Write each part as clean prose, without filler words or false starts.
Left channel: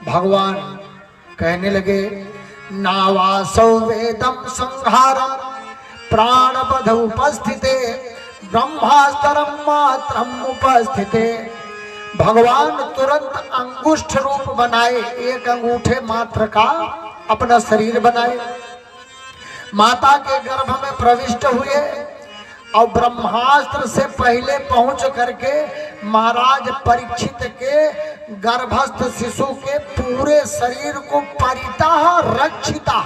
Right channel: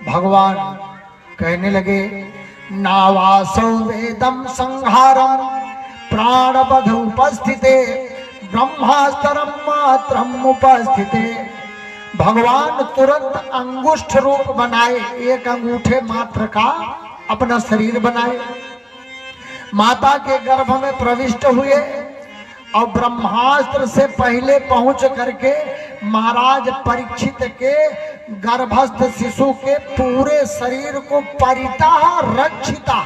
भगवान कहने लगे, नावासौ वेदम संहारम प्राणबध उपस्थिते ब्रह्मास्त्रम मात्रम उपस्थिते। भगवान तुरंत अंगुष्ठ रूप बनाए, एक अंगूठे मात्र का अपना शरीर बनाए, माता के गर्भ में प्रविष्ट हुए और ब्रह्मास्त्र से पहले पहुंच करके महाराज परीक्षित के गर्भस्थ शिशु के पूरे शरीर को परिता रक्षिता,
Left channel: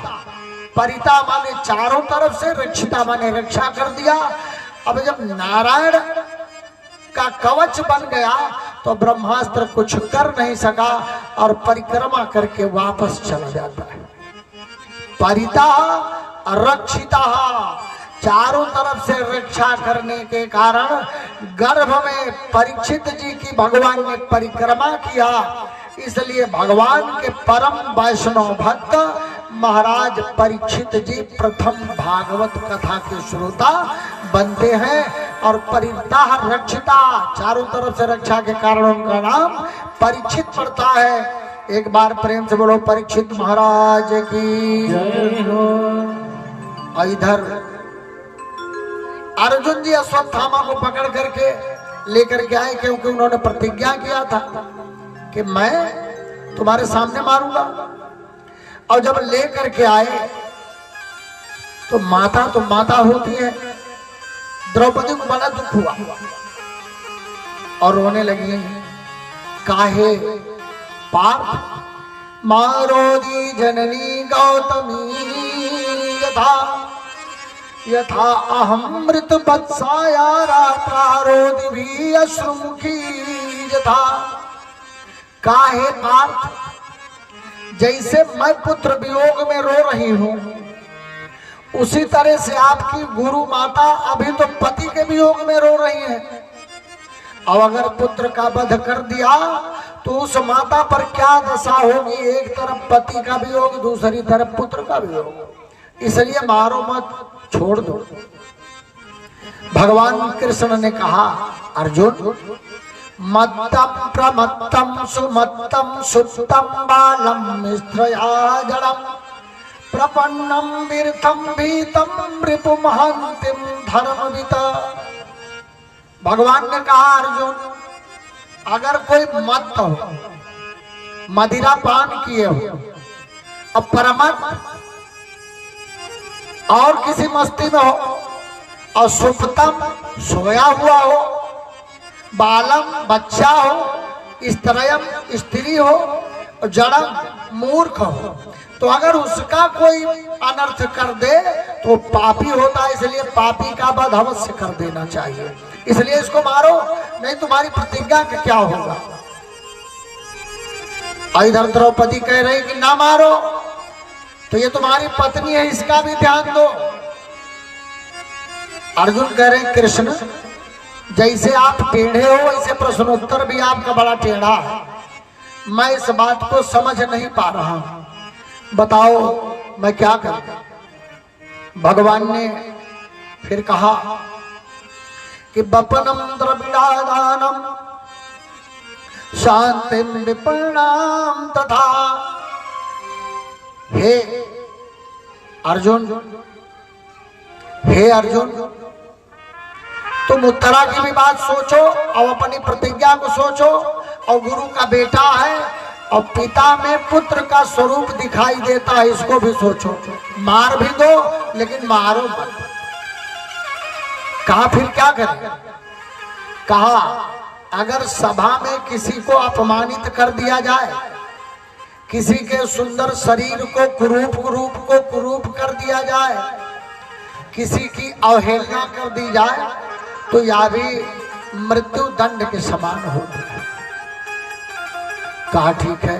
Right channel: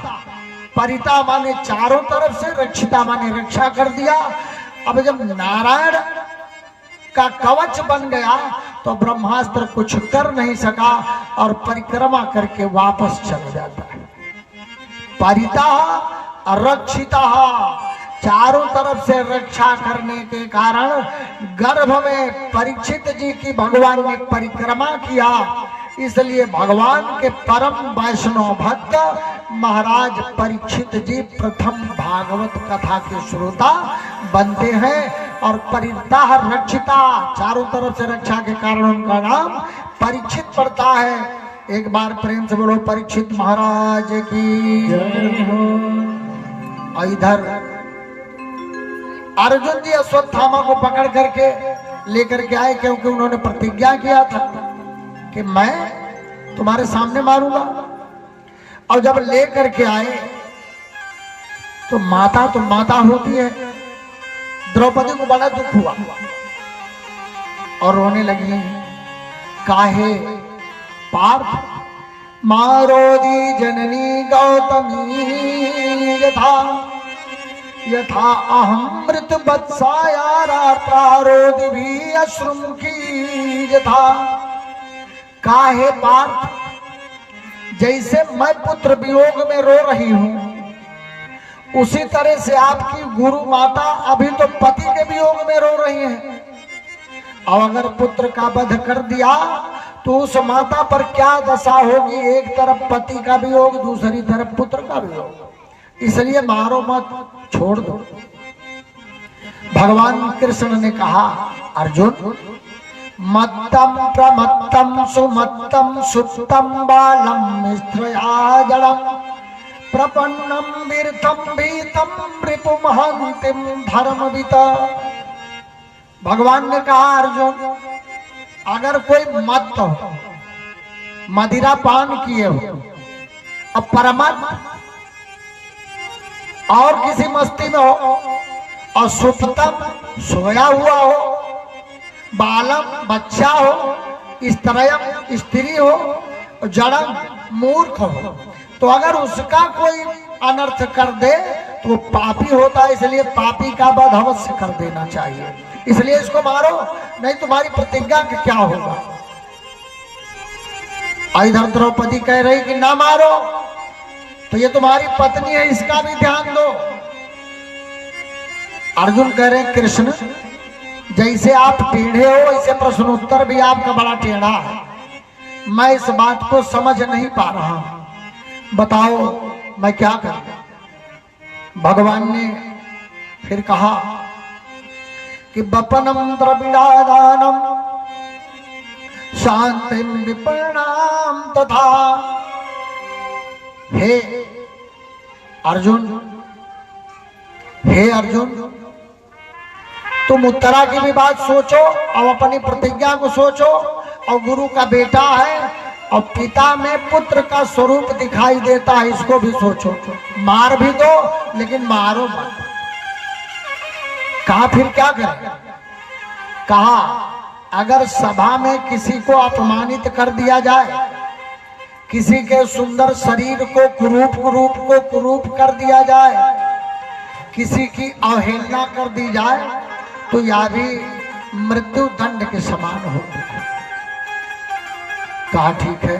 परिता माने चारों तरफ से, रक्षिता माने रक्षा कर दिया। अब जब नारायण का कवच बन गया तो ब्रह्मास्त्र कुछ कर नहीं सका और परिक्रमा करके वापस चला जाता है। परिता रक्षिता, चारों तरफ से रक्षा करने के कारण गर्भ में परीक्षित जी की भगवान ने परिक्रमा किया। इसलिए भगवान के परम वैष्णव भक्त महाराज परीक्षित जी प्रथम भागवत कथा के श्रोता बनते हैं और परिता रक्षिता, चारों तरफ से रक्षा के कारण उनका नाम परीक्षित पड़ता है। एक बार प्रेम से बोलो परीक्षित महाराज की जय हो। और इधर अर्जुन जी अश्वत्थामा को पकड़ करके लेकर के आए, क्योंकि उन्होंने प्रतिज्ञा किया था कि मैं तुम्हारे सामने मारूंगा। और जब लेकर के आए तो माता होती है, द्रौपदी को बड़ा दुख हुआ और रोने लगी। काहे पार्थ मारोदी जननी गौतमी यथा यथा अहम मृत वत्साया प्रारोदि भी अश्रुम की यथा। काहे पार्थ, जैसे मैं पुत्र वियोग में रो रही हूं उसी तरह से आपकी गुरु माता अभी तो पति के वियोग में रो रही हैं। अब अगर पुत्र का वध कर दिया तो उस माता पर क्या दशा होगी, एक तरफ पति का वियोग, दूसरी तरफ पुत्र का वियोग। इसलिए मारो मत, छोड़ दो। भगवान कृष्ण ने कहा, अर्जुन मत्तम प्रमत्तम सुमत्तम सुप्तम बालम स्त्रया जड़म प्रपन्नम वीरथम भीतम रिपुमहंतिम धर्मविता। भगवान ने कहा, अर्जुन अगर कोई मत्त हो, मदिरा पान किए हो और परमत और किसी मस्ती में हो और सुप्तम सोया हुआ हो, बालम बच्चा हो, स्त्रयम स्त्री हो, जड़म मूर्ख हो, तो अगर उसका कोई अनर्थ कर दे तो पापी होता है। इसलिए पापी का वध अवश्य कर देना चाहिए। इसलिए इसको मारो, नहीं तुम्हारी प्रतिज्ञा का क्या होगा। इधर द्रौपदी कह रही कि ना मारो, तो ये तुम्हारी पत्नी है, इसका भी ध्यान दो। अर्जुन कह रहे कृष्ण जैसे आप टेढ़े हो वैसे प्रश्नोत्तर भी आपका बड़ा टेढ़ा है, मैं इस बात को समझ नहीं पा रहा हूं, बताओ मैं क्या करूं। भगवान ने फिर कहा कि बपनम द्रविड़ादानम शांतिम विपन्नाम तथा। हे अर्जुन, हे अर्जुन, तुम उत्तरा की भी बात सोचो और अपनी प्रतिज्ञा को सोचो, और गुरु का बेटा है और पिता में पुत्र का स्वरूप दिखाई देता है, इसको भी सोचो। मार भी दो लेकिन मारो मत। कहा फिर क्या करें। कहा अगर सभा में किसी को अपमानित कर दिया जाए, किसी के सुंदर शरीर को कुरूप कर दिया जाए, किसी की अवहेलना कर दी जाए, तो यह भी मृत्यु दंड के समान होती है। कहा ठीक है।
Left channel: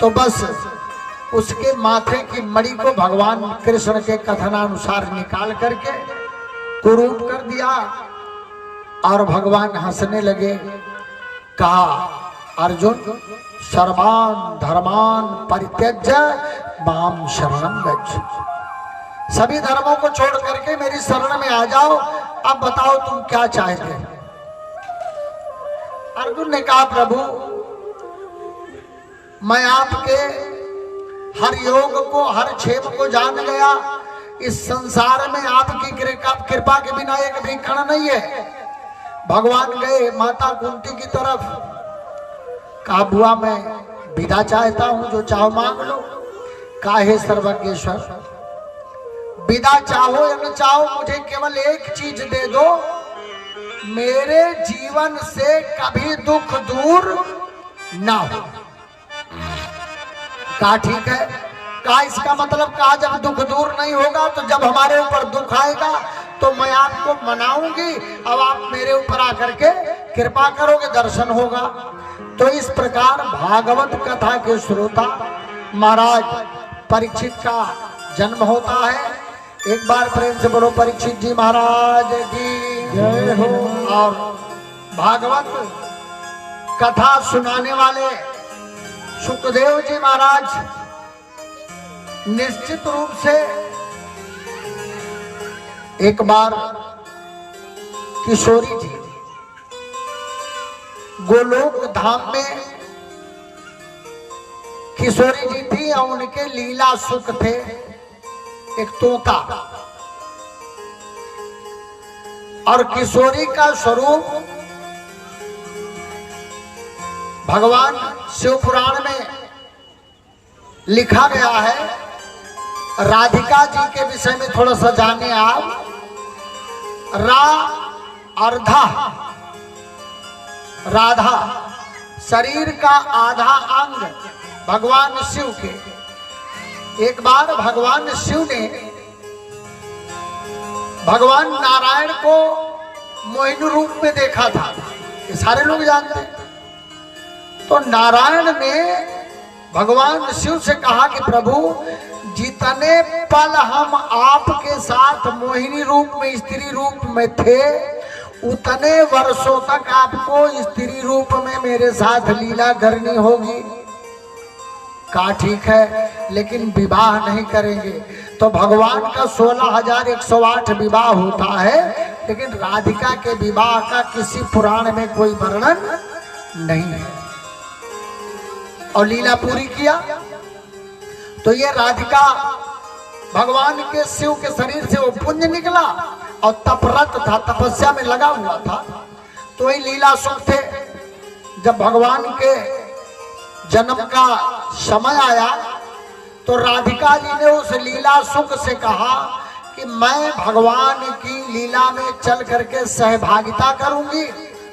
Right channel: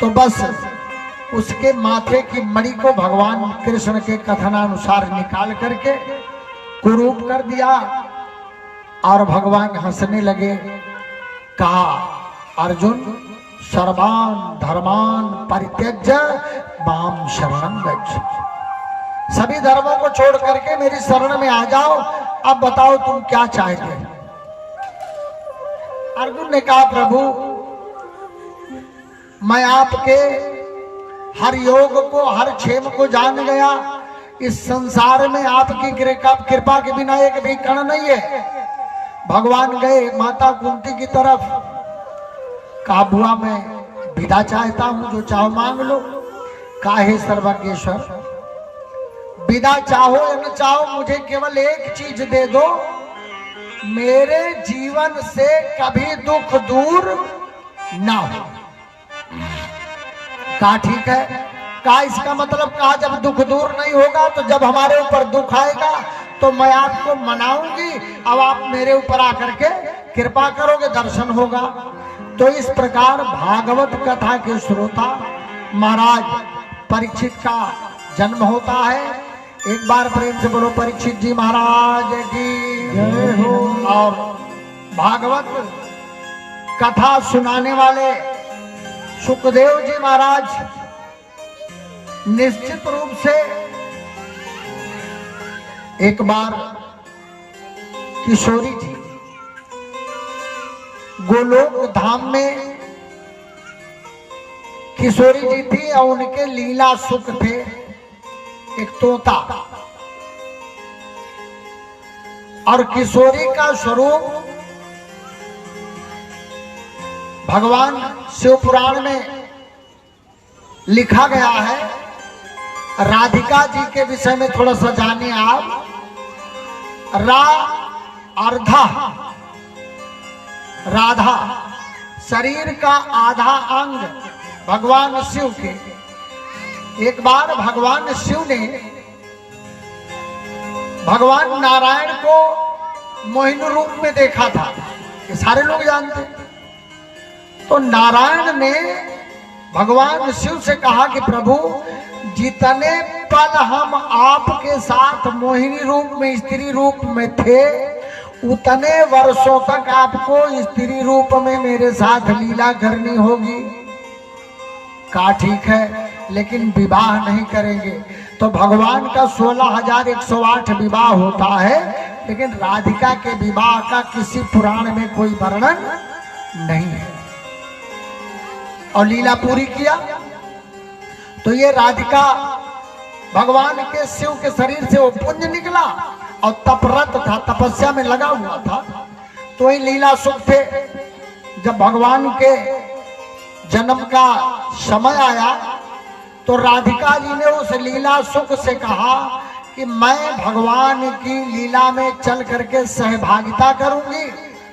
तो बस उसके माथे की मणि को भगवान कृष्ण के कथनानुसार निकाल करके कुरूप कर दिया और भगवान हंसने लगे। कहा अर्जुन सर्वान धर्मान परित्यज्य माम शरणं गच्छ। सभी धर्मों को छोड़ करके मेरी शरण में आ जाओ। अब बताओ तुम क्या चाहते। अर्जुन ने कहा प्रभु मैं आपके हर योग को, हर क्षेम को जान गया। इस संसार में आपकी कृपा के बिना एक भी कण नहीं है। भगवान गए माता कुंती की तरफ, कहा बुआ मैं विदा चाहता हूं, जो चाहो मांग लो। काहे सर्वज्ञेश्वर, विदा चाहो या न चाहो, मुझे केवल एक चीज दे दो, मेरे जीवन से कभी दुख दूर ना हो। कहा ठीक है। कहा इसका मतलब, कहा जब दुख दूर नहीं होगा तो जब हमारे ऊपर दुख आएगा तो मैं आपको मनाऊंगी, अब आप मेरे ऊपर आकर के कृपा करोगे, दर्शन होगा। तो इस प्रकार भागवत कथा के श्रोता महाराज परीक्षित का जन्म होता है। एक बार प्रेम से बोलो परीक्षित जी महाराज की जय हो। और भागवत कथा सुनाने वाले सुखदेव जी महाराज निश्चित रूप से एक बार किशोरी थी, गोलोक धाम में किशोरी जी थी और उनके लीला सुख थे एक तोता। और किशोरी का स्वरूप भगवान शिव पुराण में लिखा गया है। राधिका जी के विषय में थोड़ा सा जाने आप। अर्धा राधा, शरीर का आधा अंग भगवान शिव के। एक बार भगवान शिव ने भगवान नारायण को मोहिनी रूप में देखा था, ये सारे लोग जानते हैं। तो नारायण ने भगवान शिव से कहा कि प्रभु, जितने पल हम आपके साथ मोहिनी रूप में, स्त्री रूप में थे, उतने वर्षों तक आपको स्त्री रूप में मेरे साथ लीला करनी होगी। कहा ठीक है, लेकिन विवाह नहीं करेंगे। तो भगवान का 16,108 विवाह होता है, लेकिन राधिका के विवाह का किसी पुराण में कोई वर्णन नहीं है। और लीला पूरी किया तो ये राधिका भगवान के शिव के शरीर से वो पुंज निकला और तपरत था, तपस्या में लगा हुआ था। तो ये लीला सुख थे। जब भगवान के जन्म का समय आया तो राधिका जी ने उस लीला सुख से कहा कि मैं भगवान की लीला में चल करके सहभागिता करूंगी।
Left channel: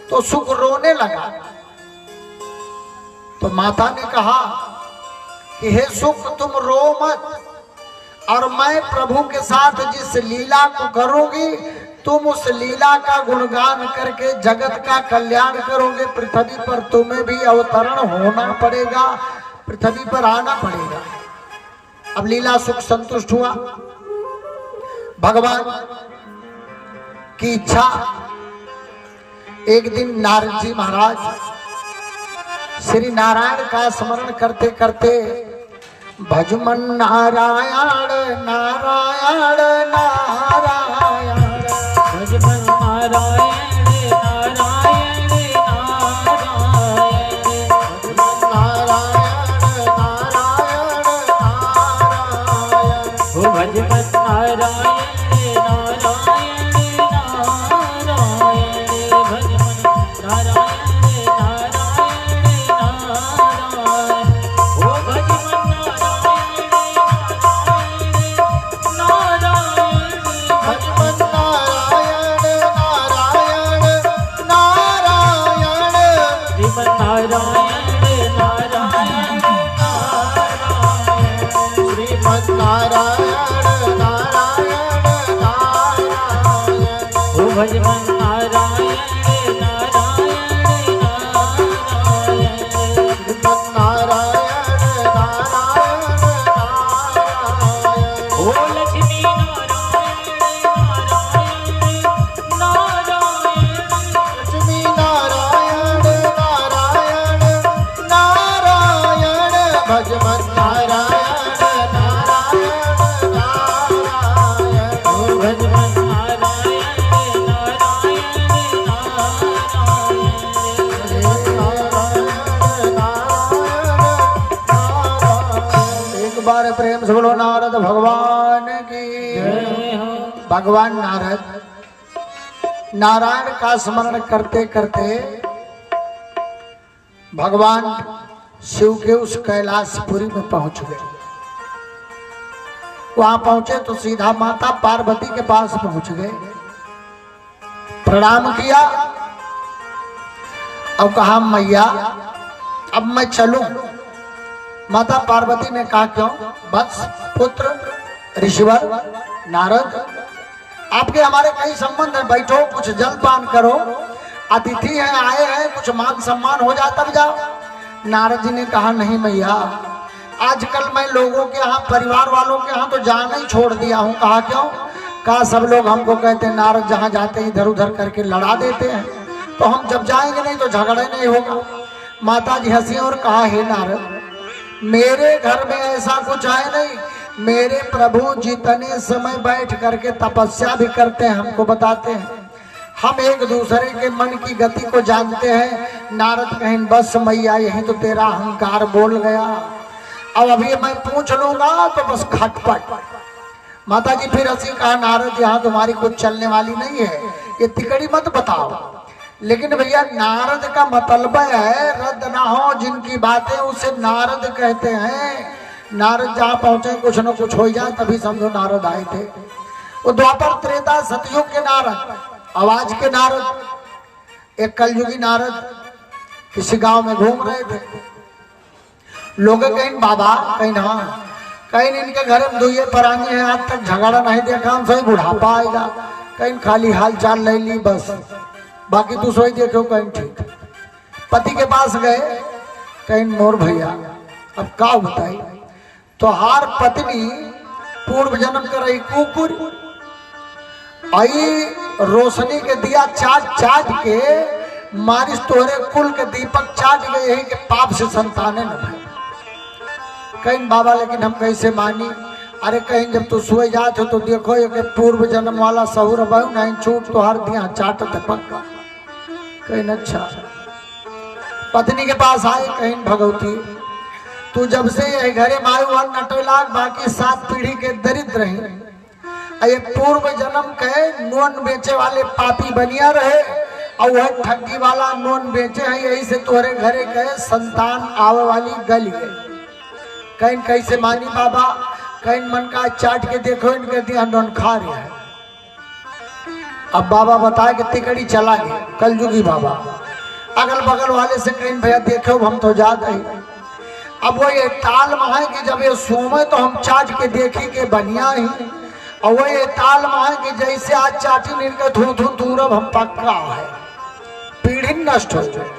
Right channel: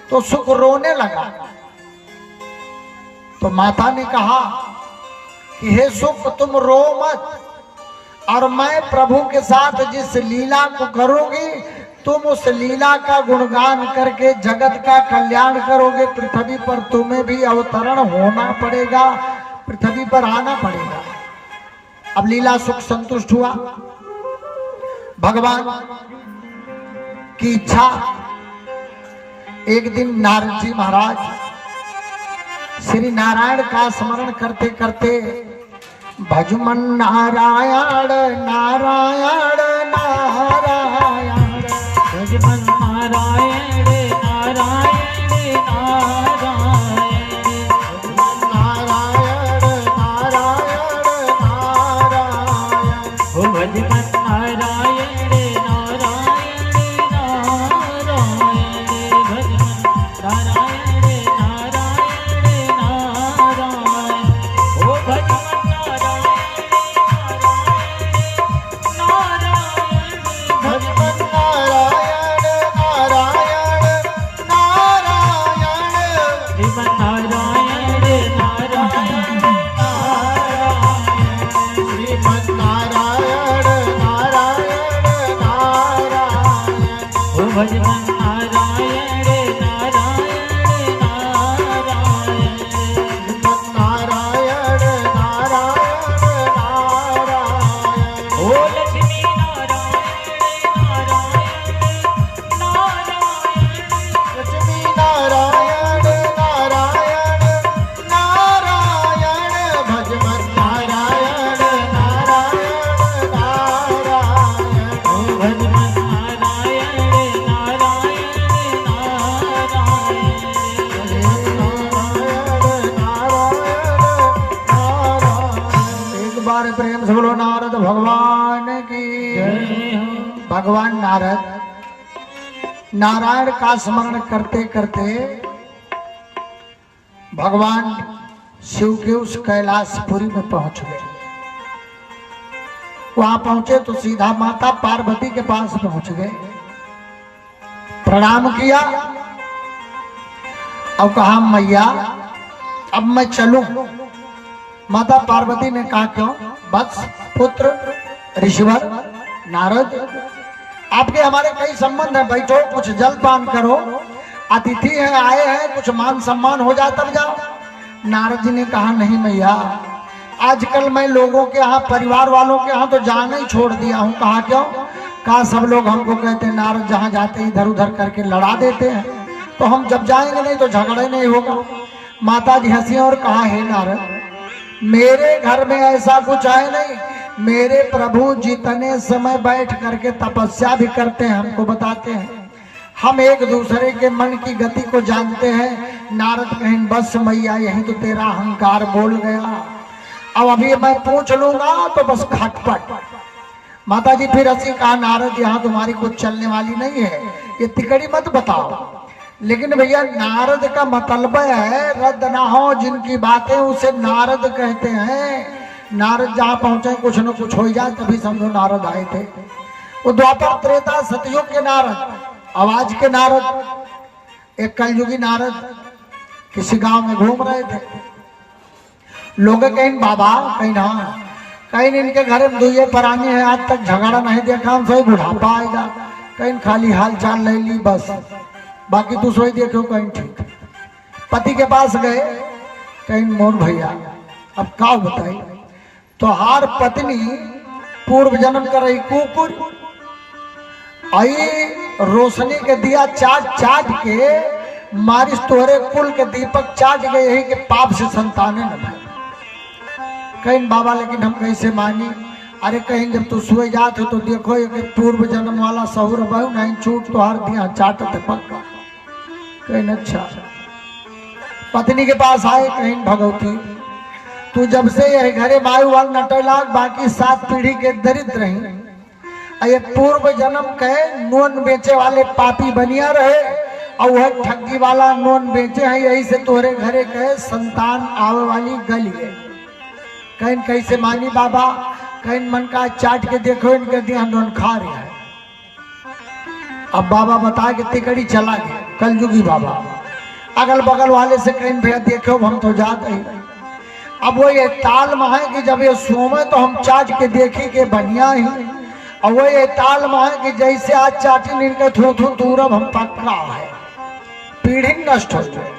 तो सुख रोने लगा। तो माता ने कहा कि हे सुख, तुम रो मत, और मैं प्रभु के साथ जिस लीला को करूंगी, तुम उस लीला का गुणगान करके जगत का कल्याण करोगे। पृथ्वी पर तुम्हें भी अवतरण होना पड़ेगा, पृथ्वी पर आना पड़ेगा। अब लीला सुख संतुष्ट हुआ। भगवान की इच्छा, एक दिन नारद जी महाराज श्री नारायण का स्मरण करते करते भजमन नारायण नारायण नारायण, भजमन नारायण नारायण नारायण, भजमन नारायण नारायण नारायण, भजमन नारायण नारायण नारायण, भजमन नारायण बार प्रेम से बोलो नारद भगवान की। भगवान नारद नारायण का स्मरण करते करते भगवान शिव के उस कैलाशपुरी में पहुंच गए। वहां पहुंचे तो सीधा माता पार्वती के पास पहुंच गए, प्रणाम किया और कहा मैया अब मैं चलूं। माता पार्वती ने कहा क्यों? वत्स पुत्र ऋषिवर नारद आपके हमारे कई संबंध है, बैठो कुछ जलपान करो, अतिथि हैं आए हैं, कुछ मान सम्मान हो जाए तब जाओ। नारद जी ने कहा नहीं मैया, आजकल मैं लोगों के यहाँ परिवार वालों के यहाँ तो जाना ही छोड़ दिया हूँ। कहा क्यों? कहा सब लोग हमको कहते नारद जहाँ जाते इधर उधर करके लड़ा देते हैं, तो हम जब जाएंगे नहीं तो झगड़े नहीं होगा। माता जी हंसी और कहा हे नारद मेरे घर में ऐसा कुछ है नहीं, मेरे प्रभु जितने समय बैठ करके तपस्या भी करते हैं हमको बताते हैं, हम एक दूसरे के मन की गति को जानते हैं। नारद कहें बस मैया यही तो तेरा अहंकार बोल गया, अब अभी मैं पूछ लूंगा तो बस खटपट। माता जी फिर हंसी कहा नारद यहाँ तुम्हारी कुछ चलने वाली नहीं है, ये तिकड़ी मत बताओ। लेकिन भैया नारद का मतलब है रद्द ना हो जिनकी बातें उसे नारद कहते हैं। नारद जहाँ पहुंचे कुछ न कुछ हो जाए तभी समझो नारद आए थे। वो द्वापर त्रेता सतयुग के नारद, आवाज के नारद, एक कलयुगी नारद किसी गांव में घूम रहे थे। लोग कहीं बाबा कहीं ना कहीं इनके घर में दुए पराने हैं, आज तक झगड़ा नहीं देखा, हम सही बुढ़ापा आएगा, कहीं खाली हाल चाल ले ली बस, बाकी तू सोई देखो कहीं ठीक। पति के पास गए, कहीं नूर भैया अब का बताई तो हार पत्नी पूर्व जन्म कर रही कुकुर आई रोशनी के दिया चाट चाट के मारिस तोरे कुल के दीपक चाट गए, यही के पाप से संताने न भाई। कहीं बाबा लेकिन हम कैसे मानी? अरे कहीं जब तू सोए जाते हो तो देखो ये पूर्व जन्म वाला सहूर बहु नहीं छूट तो हर दिया चाट पक्का। कहीं अच्छा पत्नी के पास आए, कहीं भगवती तू जब से यही घरे मायू वाल नटलाक बाकी 7 पीढ़ी के दरिद्र रही, ये पूर्व जन्म के नोन बेचे वाले पापी बनिया रहे और वह ठगी वाला नोन बेचे हैं, यही से तोहरे घरे कहे संतान आवे वाली गली है। कहीं कैसे मानी बाबा? कहीं मन का चाट के देखो इनके दिया नोन खा रहे हैं। अब बाबा बताए कि तिकड़ी चला गया कलयुगी बाबा, अगल बगल वाले से कहीं भैया देखो हम तो जाते ही। अब वो ये ताल में है कि जब ये सोमे तो हम चाट के देखी के बनिया ही, और वो ये ताल में है कि जैसे आज चाटी निकल थू थू दूरब हम पक्का है, पीढ़ी नष्ट हो जाए।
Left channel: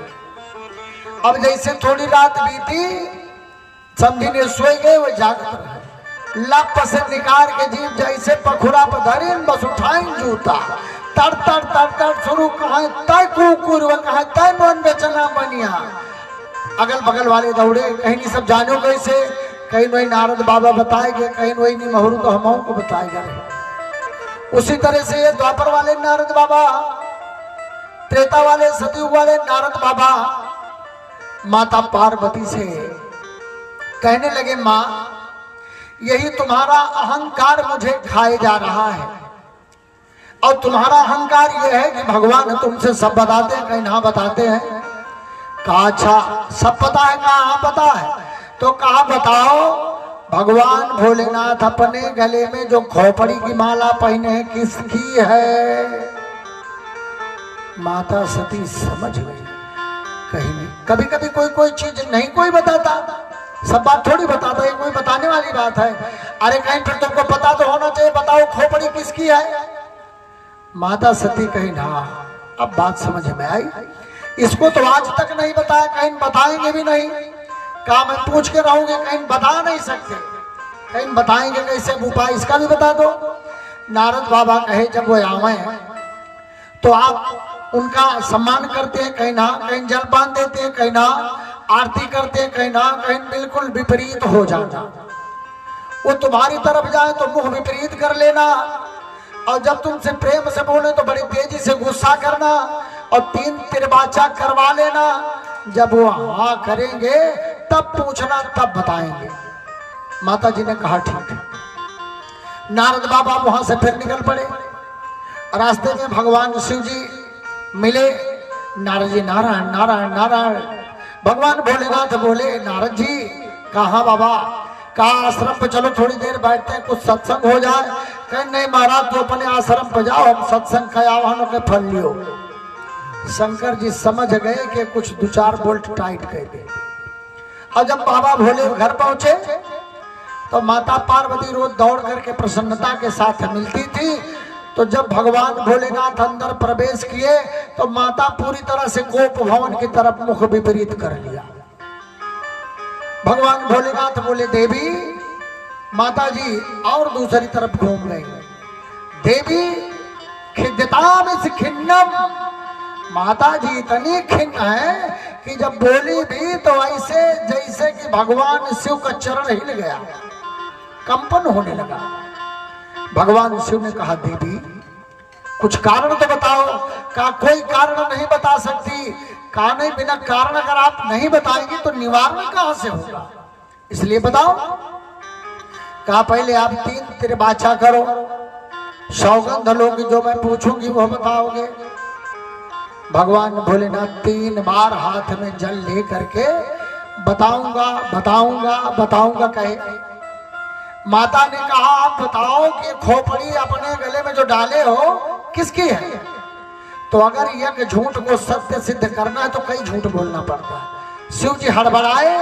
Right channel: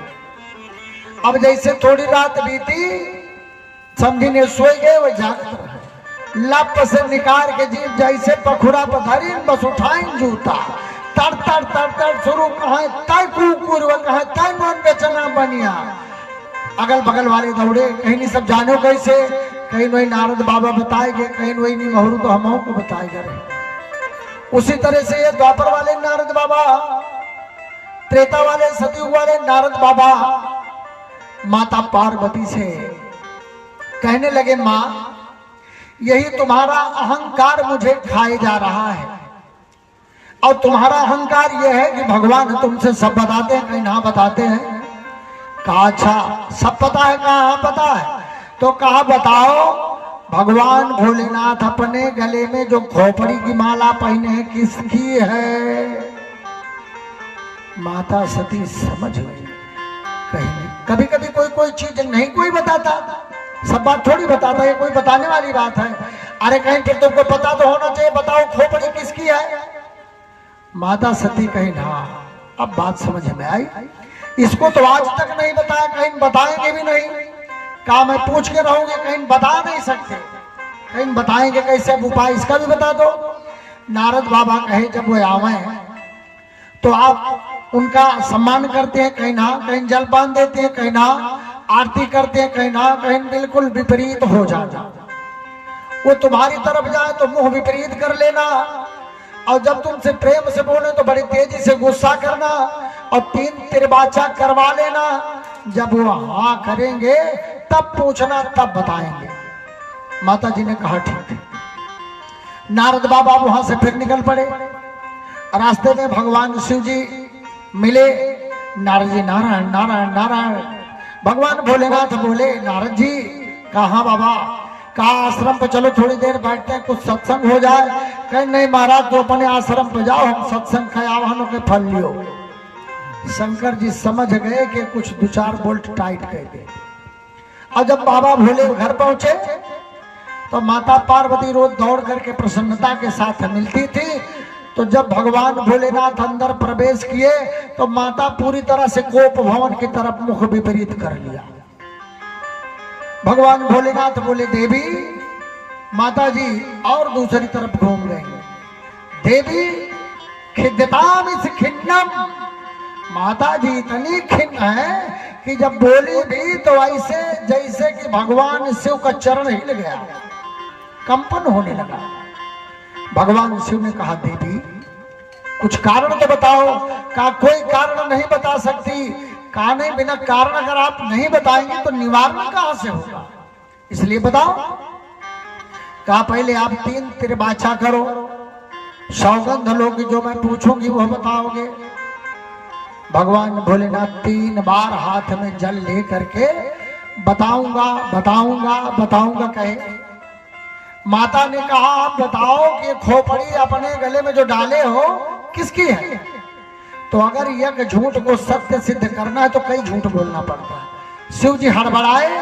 अब जैसे थोड़ी रात बीती समझी ने सोए गए, वो जागत रहे, लप से निकाल के जीव जैसे पखुड़ा पर धरी बस उठाई जूता तर तर तर तर शुरू कहा तय कुकुर व कहा तय मन बेचना बनिया। अगल बगल वाले दौड़े, कहीं नहीं सब जानो कैसे, कहीं वही नारद बाबा बताएंगे, कहीं वही नहीं महरू तो हम को बताएगा रहे। उसी तरह से ये द्वापर वाले नारद बाबा, त्रेता वाले सतयुग वाले नारद बाबा माता पार्वती से कहने लगे माँ यही तुम्हारा अहंकार मुझे खाए जा रहा है, और तुम्हारा अहंकार यह है कि भगवान तुमसे सब बताते हैं, कहीं ना बताते हैं। कहा अच्छा सब पता है? कहा पता है। तो कहा बताओ भगवान भोलेनाथ अपने गले में जो खोपड़ी की माला पहने हैं किसकी है? माता सती समझ गई कहीं नहीं। कभी कभी कोई चीज नहीं कोई बताता, सब बात थोड़ी बताता, ये कोई बताने वाली बात है। अरे कहीं फिर तुमको पता तो होना चाहिए, बताओ खोपड़ी किसकी है? माता सती कहीं ना अब बात समझ में आई, इसको तो आज तक नहीं बताया, कहीं बताएंगे भी नहीं। कहा मैं पूछ के रहूंगी, कहीं बता नहीं सकते, कहीं बताएंगे कैसे? अब उपाय इसका भी बता दो। नारद बाबा कहे जब वो आवे तो आप उनका सम्मान करते हैं, कहीं ना कहीं जलपान देते हैं, कहीं ना आरती करते हैं, कहीं ना कहीं बिल्कुल विपरीत हो जाना। वो तुम्हारी तरफ जाए तो मुंह विपरीत कर लेना, और जब तुमसे प्रेम से बोले तो बड़ी तेजी से गुस्सा करना, और 3 तिरबाचा करवा लेना। जब वो हाँ करेंगे तब पूछना, तब बताएंगे। माता जी ने कहा ठीक है। नारद बाबा वहां से फिर निकल पड़े। रास्ते में भगवान शिव जी मिले। नारद जी नारायण नारायण नारायण। भगवान भोलेनाथ बोले नारद जी कहा बाबा, कहा आश्रम पे चलो थोड़ी देर बैठते हैं, कुछ सत्संग हो जाए। कहे नहीं महाराज, तो अपने आश्रम पे जाओ, हम सत्संग का आह्वानों के फल लियो। शंकर जी समझ गए कि कुछ 2-4 बोल्ट टाइट कर दे। और जब बाबा भोले घर पहुंचे तो माता पार्वती रोज दौड़ करके प्रसन्नता के साथ मिलती थी। तो जब भगवान भोलेनाथ अंदर प्रवेश किए तो माता पूरी तरह से गोप भवन की तरफ मुख विपरीत कर लिया। भगवान भोलेनाथ बोले देवी, माता जी और दूसरी तरफ घूम गई। देवी खिद्यताम इस खिन्नम, माता जी इतनी खिन्न है कि जब बोली भी तो ऐसे जैसे कि भगवान शिव का चरण हिल गया, कंपन होने लगा। भगवान शिव ने कहा देवी कुछ कारण तो बताओ। कहा कोई कारण नहीं बता सकती। कहा नहीं, बिना कारण अगर आप नहीं बताएंगे तो निवारण कहां से होगा, इसलिए बताओ। कहा पहले आप 3 त्रिबाचा करो, सौगंध लोगे, जो मैं पूछूंगी वह बताओगे। भगवान भोलेनाथ 3 बार हाथ में जल ले करके बताऊंगा बताऊंगा बताऊंगा कहे। माता ने कहा आप बताओ कि खोपड़ी अपने गले में जो डाले हो किसकी है। तो अगर यह झूठ को सत्य सिद्ध करना है तो कई झूठ बोलना पड़ता है। शिव जी हड़बड़ाए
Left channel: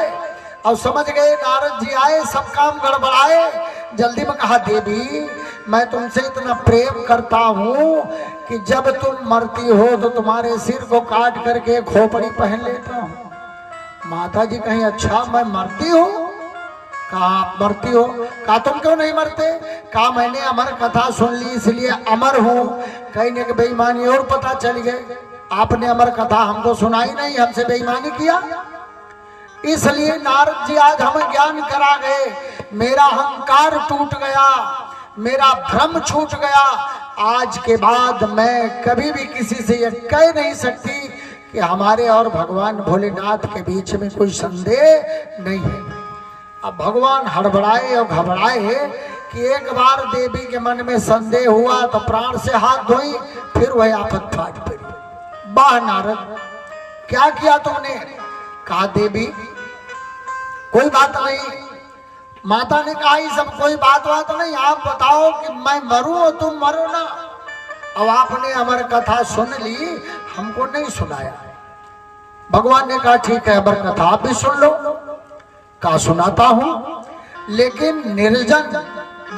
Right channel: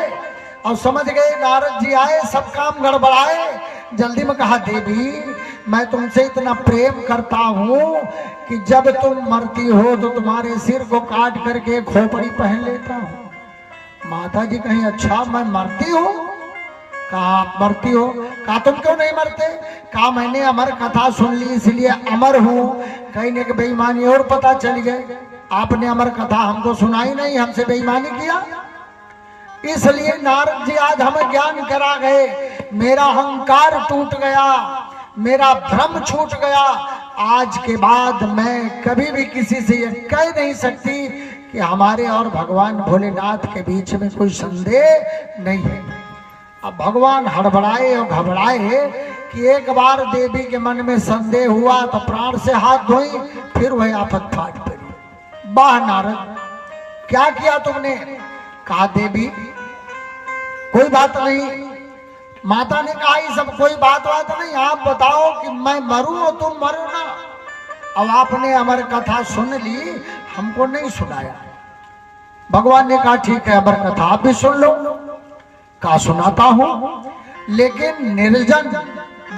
और समझ गए नारद जी आए, सब काम गड़बड़ाए। जल्दी में कहा देवी मैं तुमसे इतना प्रेम करता हूं कि जब तुम मरती हो तो तुम्हारे सिर को काट करके खोपड़ी पहन लेता हूं। माता जी कहीं अच्छा मैं मरती हूं। कहा आप मरती हो। कहा तुम क्यों नहीं मरते। कहा मैंने अमर कथा सुन ली इसलिए अमर हूं। कहने के बेईमानी और पता चल गए, आपने अमर कथा हमको सुनाई नहीं, हमसे बेईमानी किया, इसलिए नारद जी आज हमें ज्ञान करा गए। मेरा अहंकार टूट गया, मेरा भ्रम छूट गया। आज के बाद मैं कभी भी किसी से यह कह नहीं सकती कि हमारे और भगवान भोलेनाथ के बीच में कोई संदेह नहीं है। अब भगवान हड़बड़ाए और घबराए कि एक बार देवी के मन में संदेह हुआ तो प्राण से हाथ धोई, फिर वह आफत फाट पड़ी। वाह नारद क्या किया तुमने। कहा देवी कोई बात नहीं। माता ने कहा ये सब कोई बात नहीं, आप बताओ कि मैं मरूं और तुम मरो ना। अब आपने अमर कथा सुन ली, हमको नहीं सुनाया। भगवान ने कहा ठीक है अमर कथा आप भी सुन लो। कहा सुनाता हूं, लेकिन निर्जन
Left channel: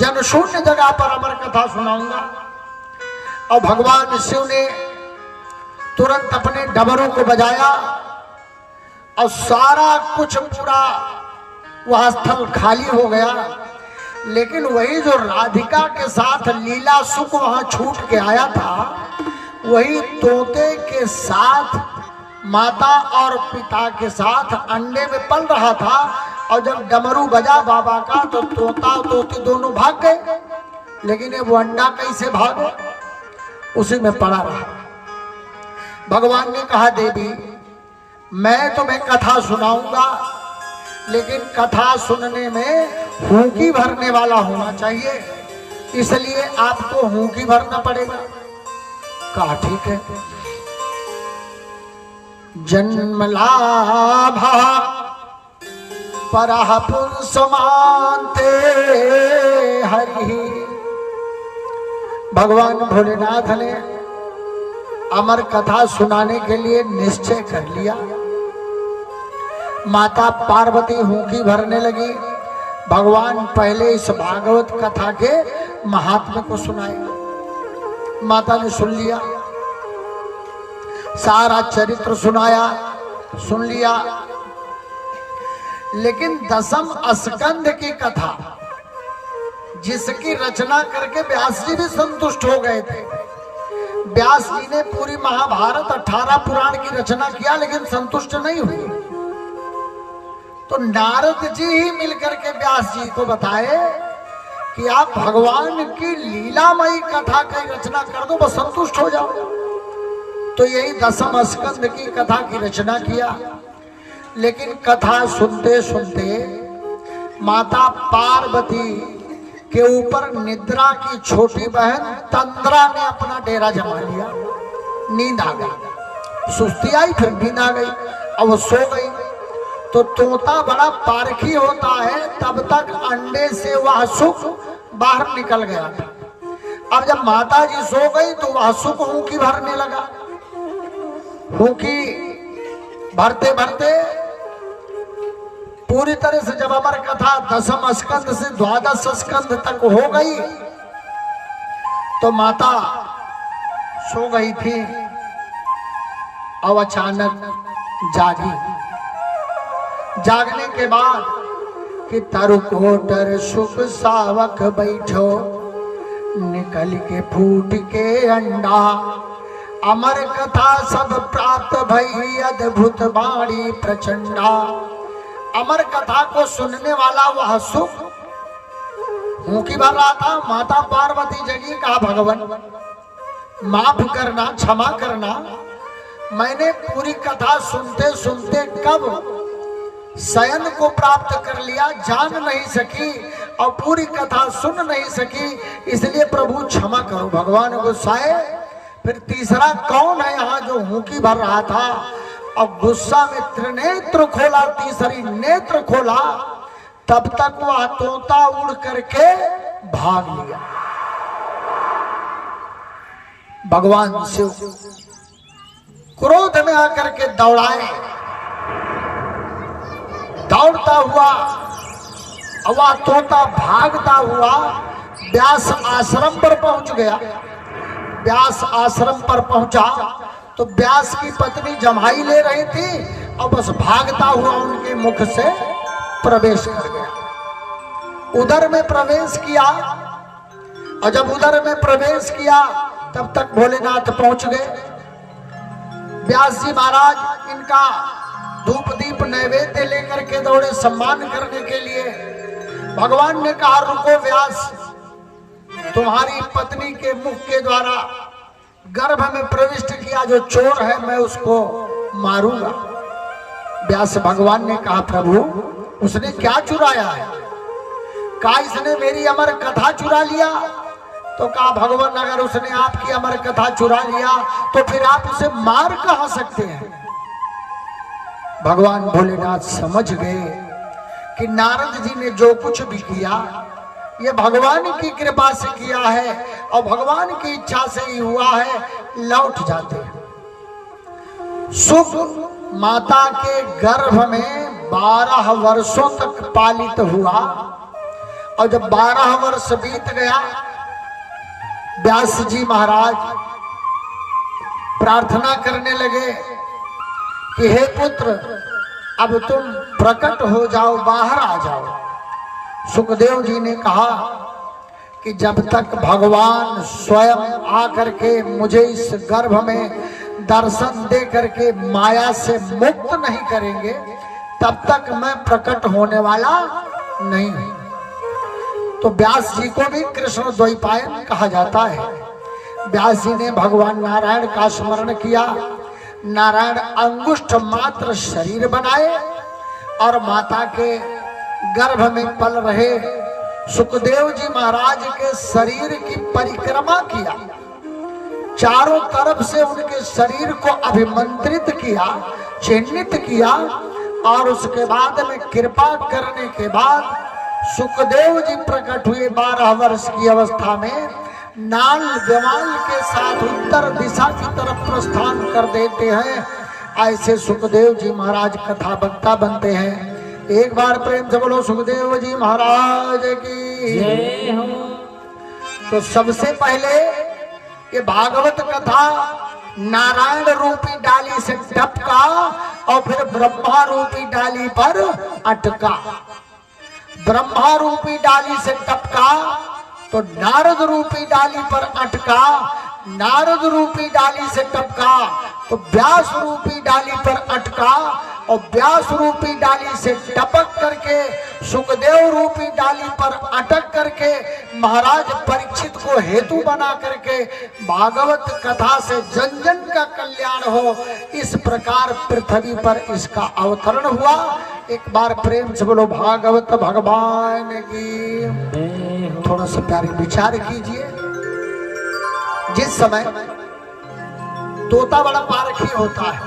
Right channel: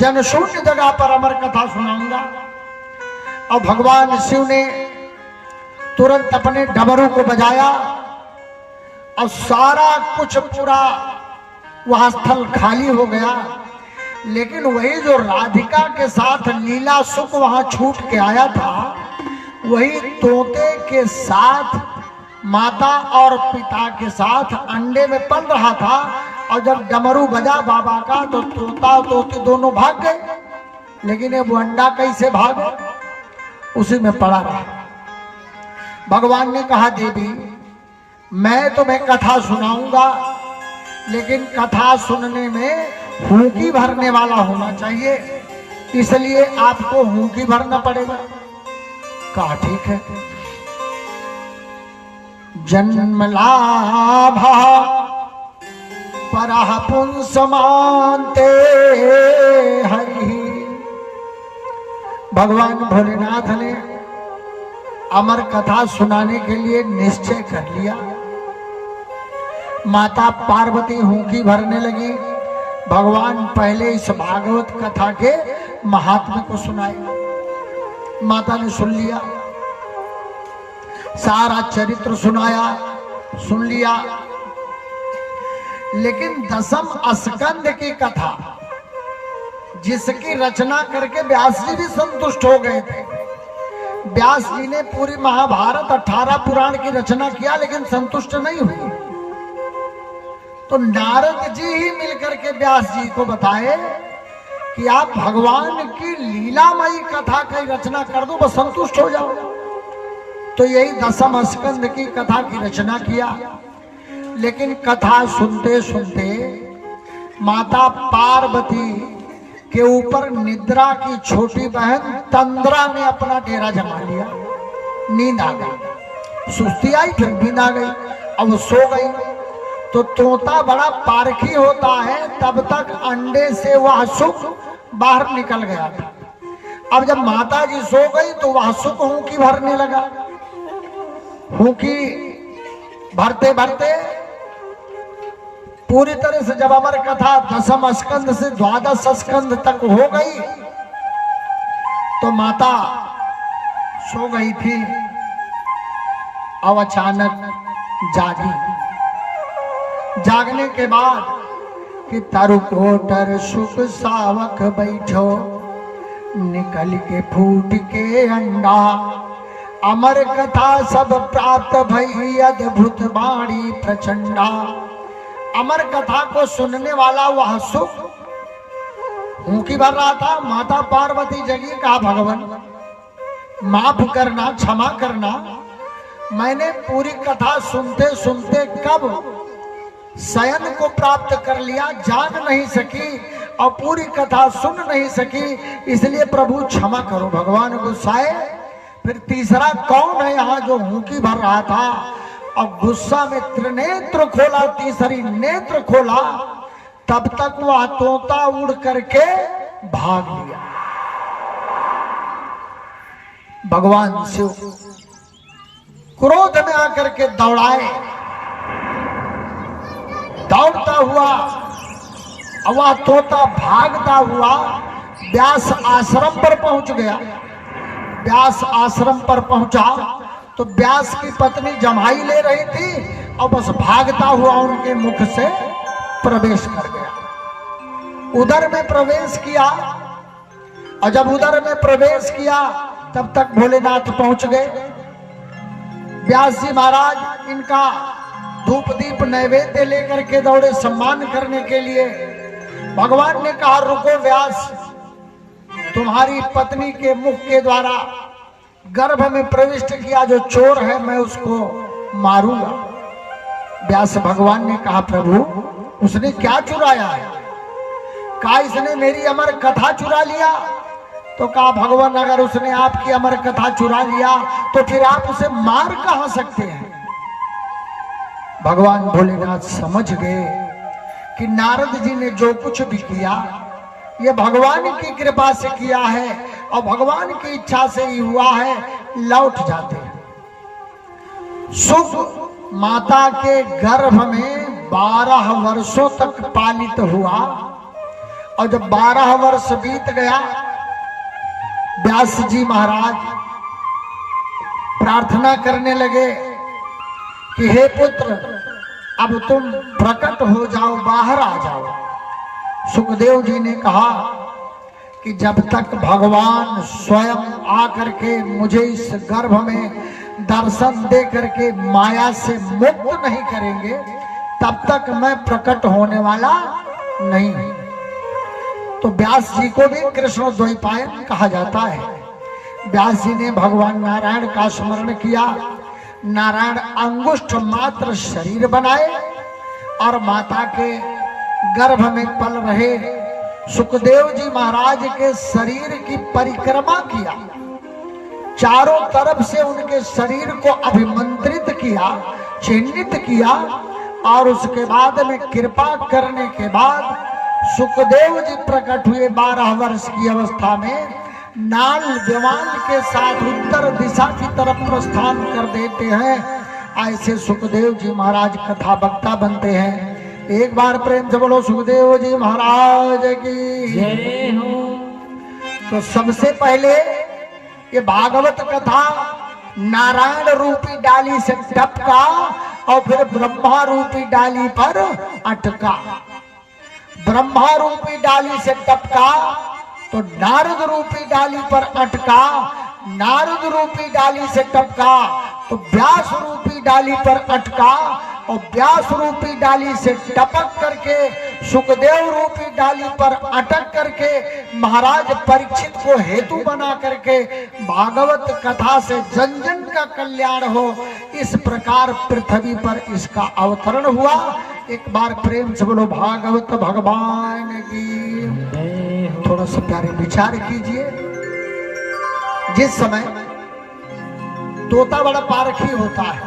जनशून्य जगह पर अमर कथा सुनाऊंगा। और भगवान शिव ने तुरंत अपने डमरू को बजाया और सारा कुछ पूरा वह स्थल खाली हो गया। लेकिन वही जो राधिका के साथ लीला सुख वहां छूट के आया था, वही तोते के साथ माता और पिता के साथ अंडे में पल रहा था। और जब डमरू बजा बाबा का तो तोता तोती दोनों भाग गए, लेकिन ये वो अंडा कैसे भागे, उसी में पड़ा रहा। भगवान ने कहा देवी मैं तुम्हें कथा सुनाऊंगा, लेकिन कथा सुनने में हूकी भरने वाला होना चाहिए, इसलिए आपको हूकी भरना पड़ेगा। कहा ठीक है। जन्म लाभा परः पुंसमान्ते हरि। भगवान भोलेनाथ ने अमर कथा सुनाने के लिए निश्चय कर लिया। माता पार्वती हूकी भरने लगी। भगवान पहले इस भागवत कथा के महात्म्य को सुनाए। माता ने सुन लिया, सारा चरित्र सुन लिया। लेकिन 10म स्कंद की कथा जिसकी रचना करके व्यास जी भी संतुष्ट हो गए थे। व्यास जी ने पूरी महाभारत 18 पुराण की रचना किया, लेकिन संतुष्ट नहीं हुए। तो नारद जी ही मिलकर के व्यास जी को बताए कि आप भगवान की लीलामयी कथा की रचना कर दो, बस संतुष्ट हो जाओ। तो यही 10म स्कंद की कथा की रचना किया। लेकिन कथा सुनते सुनते माता पार्वती के ऊपर निद्रा की छोटी बहन तंद्रा ने अपना डेरा जमा लिया। नींद आ गई, सुस्ती आई, फिर नींद आ गई, अब वो सो गई। तो तोता बड़ा पारखी होता है, तब तक अंडे से वह सुख बाहर निकल गया था। अब जब माता जी सो गई तो वह सुख हुंकी भरने लगा। हुंकी भरते भरते पूरी तरह से जब अमर कथा 10 स्कंद से 12 स्कंद तक हो गई तो माता सो गई थी। अब अचानक जागी। जागने के बाद कि तरु कोटर सुख सावक बैठो, निकल के फूट के अंडा, अमर कथा सब प्राप्त भई, अद्भुत बाणी प्रचंडा। अमर कथा को सुनने वाला वह सुख हुंकी भर रहा था। माता पार्वती जगी, कहा भगवान माफ करना, क्षमा करना, मैंने पूरी कथा सुनते सुनते कब शयन को प्राप्त कर लिया, जान नहीं सकी और पूरी कथा सुन नहीं सकी, इसलिए प्रभु क्षमा करो। भगवान गुस्साए। फिर तीसरा कौन है यहाँ जो हुंकी भर रहा था? अब गुस्सा में त्रिनेत्र खोला, तीसरी नेत्र खोला, तब तक वह तोता उड़ करके भाग लिया। भगवान शिव क्रोध में आकर के दौड़ाए। दौड़ता हुआ वह तोता भागता हुआ व्यास आश्रम पर पहुंच गया। व्यास आश्रम पर पहुंचा तो व्यास की पत्नी जमाई ले रही थी और बस भागता हुआ उनके मुख से प्रवेश कर गया। उधर में प्रवेश किया और जब उधर में प्रवेश किया तब तक भोलेनाथ पहुंच गए। व्यास जी महाराज इनका धूप दीप नैवेद्य लेकर के दौड़े सम्मान करने के लिए। भगवान ने कहा रुको व्यास, तुम्हारी पत्नी के मुख के द्वारा गर्भ में प्रविष्ट किया जो चोर है मैं उसको मारूंगा। व्यास भगवान ने कहा प्रभु उसने क्या चुराया है? कहा इसने मेरी अमर कथा चुरा लिया। तो कहा भगवान अगर उसने आपकी अमर कथा चुरा लिया तो फिर आप उसे मार कहां सकते हैं? भगवान भोलेनाथ समझ गए कि नारद जी ने जो कुछ भी किया ये भगवान की कृपा से किया है और भगवान की इच्छा से ही हुआ है, लौट जाते हैं। सुख माता के गर्भ में 12 वर्षों तक पालित हुआ और जब 12 वर्ष बीत गया व्यास जी महाराज प्रार्थना करने लगे कि हे पुत्र अब तुम प्रकट हो जाओ, बाहर आ जाओ। सुखदेव जी ने कहा कि जब तक भगवान स्वयं आकर के मुझे इस गर्भ में दर्शन दे करके माया से मुक्त नहीं करेंगे तब तक मैं प्रकट होने वाला नहीं हूं। तो व्यास जी को भी कृष्ण द्वैपायन कहा जाता है। व्यास जी ने भगवान नारायण का स्मरण किया। नारायण अंगुष्ठ मात्र शरीर बनाए और माता के गर्भ में पल रहे सुखदेव जी महाराज के शरीर की परिक्रमा किया। चारों तरफ से उनके शरीर को अभिमंत्रित किया, चिन्हित किया और उसके बाद में कृपा करने के बाद सुखदेव जी प्रकट हुए। 12 वर्ष की अवस्था में नाल विमान के साथ उत्तर दिशा की तरफ प्रस्थान कर देते हैं। ऐसे सुखदेव जी महाराज कथा वक्ता बनते हैं। एक बार प्रेम से बोलो सुखदेव जी महाराज की जय हो। तो सबसे पहले ये भागवत कथा नारायण रूपी डाली से टपका और फिर ब्रह्मा रूपी डाली पर अटका। ब्रह्मा रूपी डाली से टपका तो नारद रूपी डाली पर अटका। नारद रूपी डाली से टपका तो व्यास रूपी डाली पर अटका और व्यास रूपी डाली से टपक करके सुखदेव रूपी डाली पर अटक करके महाराज परीक्षित को हेतु बना करके भागवत कथा से जन जन का कल्याण हो, इस प्रकार पृथ्वी पर इसका अवतरण हुआ। एक बार प्रेम से बोलो भागवत भगवान की। थोड़ा सा प्यारे विचार कीजिए। जिस समय तोता बड़ा पारखी होता है,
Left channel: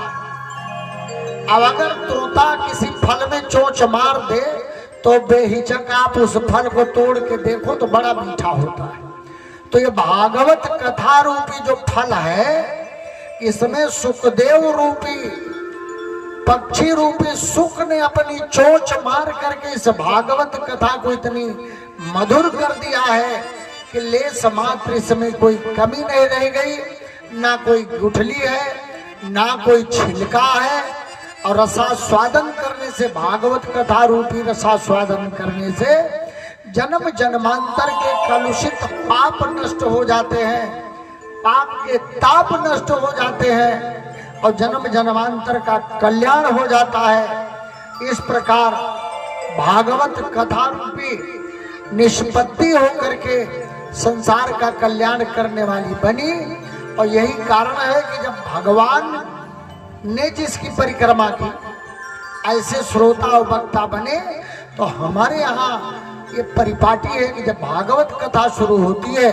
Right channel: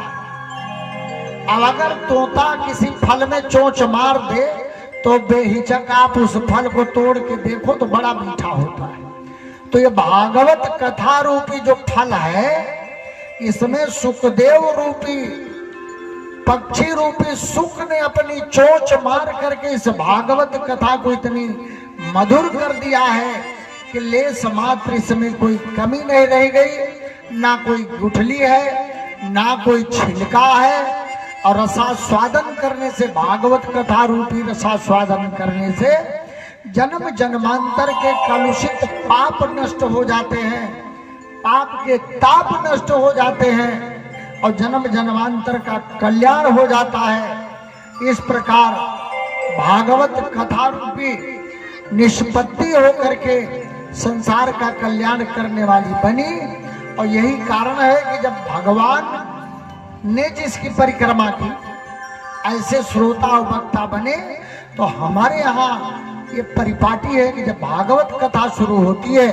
अब अगर तोता किसी फल में चोंच मार दे तो बेहिचक आप उस फल को तोड़ के देखो तो बड़ा मीठा होता है। तो ये भागवत कथा रूपी जो फल है, इसमें सुखदेव रूपी पक्षी रूपी सुख ने अपनी चोंच मार करके इस भागवत कथा को इतनी मधुर कर दिया है कि लेस मात्र इसमें कोई कमी नहीं रह गई, ना कोई गुठली है, ना कोई छिलका है। और रसास्वादन करने से, भागवत कथा रूपी रसास्वादन करने से जन्म जन्मांतर के कलुषित पाप नष्ट हो जाते हैं, पाप के ताप नष्ट हो जाते हैं और जन्म जन्मांतर का कल्याण हो जाता है। इस प्रकार भागवत कथा रूपी निष्पत्ति होकर के संसार का कल्याण करने वाली बनी। और यही कारण है कि जब भगवान ने जिसकी परिक्रमा की, ऐसे श्रोता और वक्ता बने। तो हमारे यहाँ ये परिपाटी है कि जब भागवत कथा शुरू होती है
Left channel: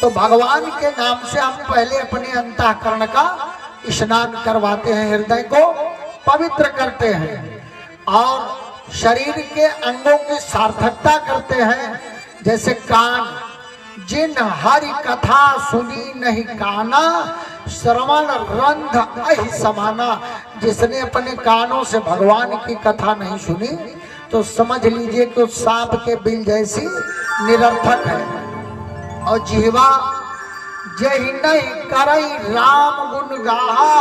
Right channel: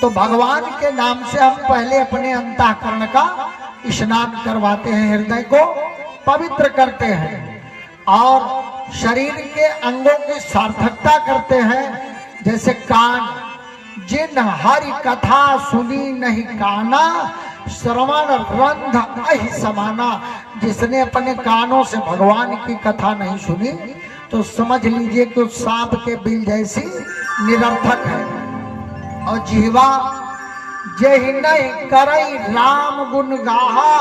तो भगवान के नाम से हम पहले अपने अंतःकरण का स्नान करवाते हैं, हृदय को पवित्र करते हैं और शरीर के अंगों की सार्थकता करते हैं। जैसे कान, जिन हरि कथा सुनी नहीं काना, श्रवण रंध अहि समाना। जिसने अपने कानों से भगवान की कथा नहीं सुनी तो समझ लीजिए कि उस सांप के बिल जैसी निरर्थक है। और जीवा जेहि नहीं करई राम गुण गाहा,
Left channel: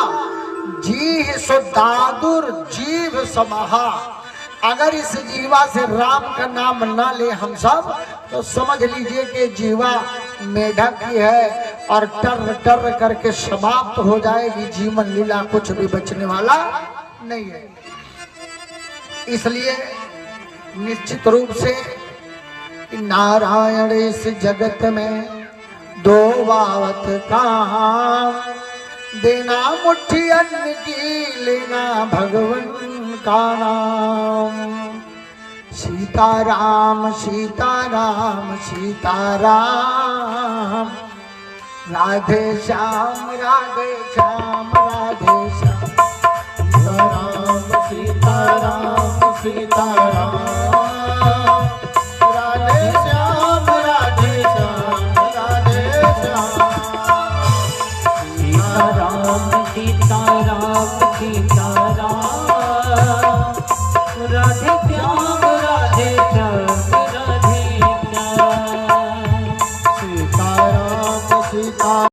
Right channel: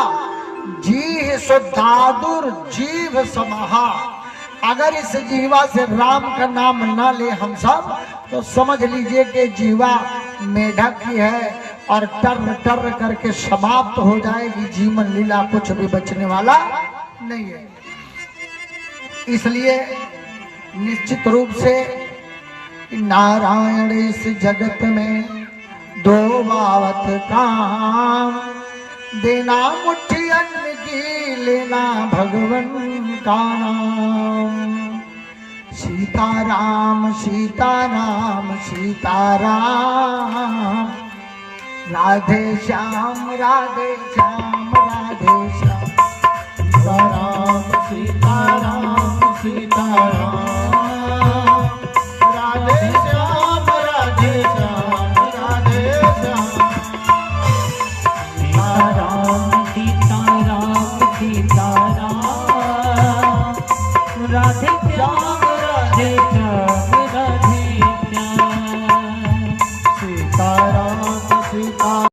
जी सो दादुर जीव समाहा। अगर इस जीवा से राम का नाम न ले हम सब तो समझ लीजिए कि जीवा मेढक की है और टर टर करके समाप्त हो जाएगी। जीवन लीला कुछ भी बचने वाला नहीं है। इसलिए निश्चित रूप से नारायण इस जगत में दो बावत काम, देना मुट्ठी अन्न की, लेना भगवन का नाम। सीताराम सीताराम सीताराम, राधे श्याम राधे श्याम राधे श्याम। सीताराम सीताराम सीताराम, राधे श्याम राधे श्याम राधे श्याम। सीताराम सीताराम सीताराम, राधे श्याम राधे श्याम राधे श्याम। सीताराम